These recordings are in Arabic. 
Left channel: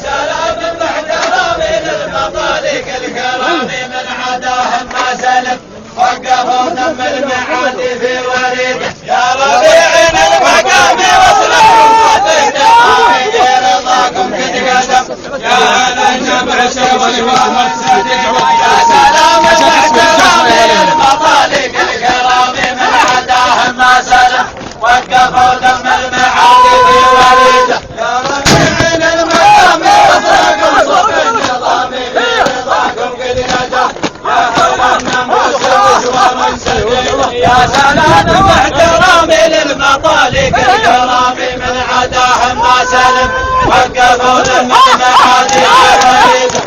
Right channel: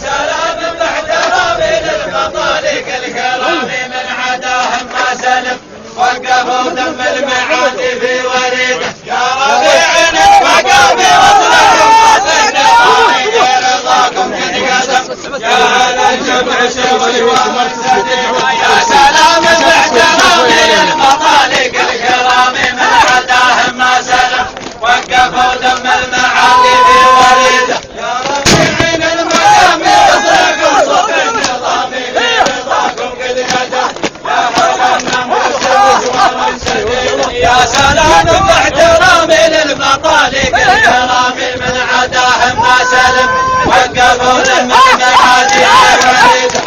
سلام باحترامي للمطالق الكرام من عداهم ما سلم وقفوا دم المعادي في وريده يا ربيعين المقام وصلهم صدق نظامي رضاكم تتقدم يا هلا الجمع يا سلام باحترامي للمطالق الكرام من عداهم ما سلم وقفوا دم المعادي في وريده يا ربيعين المقام وصلهم صدق نظامي رضاكم تتقدم يا سلام باحترامي للمطالق الكرام من عداهم ما سلم وقفوا دم المعادي في وريده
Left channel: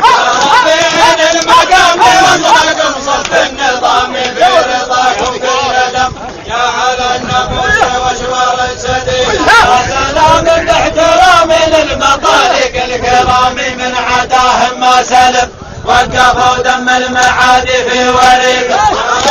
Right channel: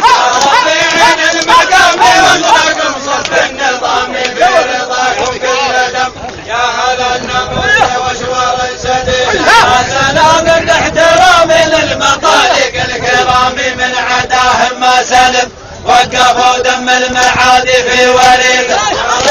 ربيعين المقام وصلكم صف النظام في رضاكم كل دم يا هلا النفوس واشوار السديد يا سلام باحترامي للمطالق الكرام من عداهم ما سلم وقفوا دم المعادي في وريده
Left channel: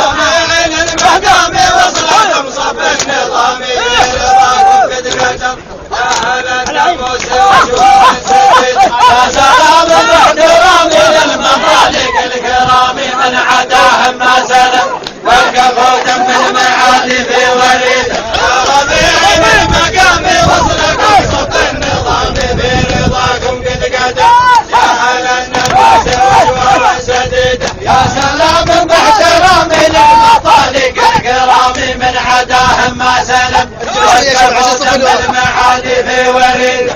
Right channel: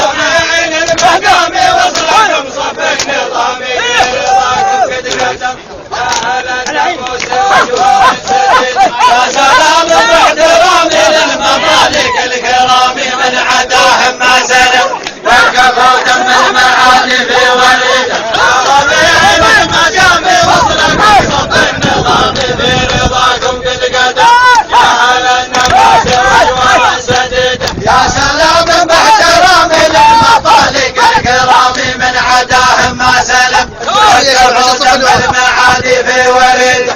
ربيعين المقام وصلكم صف النظام في رضاكم قد قدم يا هلا النفوس واشوار السديد يا سلام باحترامي للمطالق الكرام من عداهم ما سلم وقفوا دم المعادي في وريده ربيعين المقام وصلكم صف النظام في رضاكم قد قدم يا هلا النفوس واشوار السديد يا سلام باحترامي للمطالق الكرام من عداهم ما سلم وقفوا دم المعادي في وريده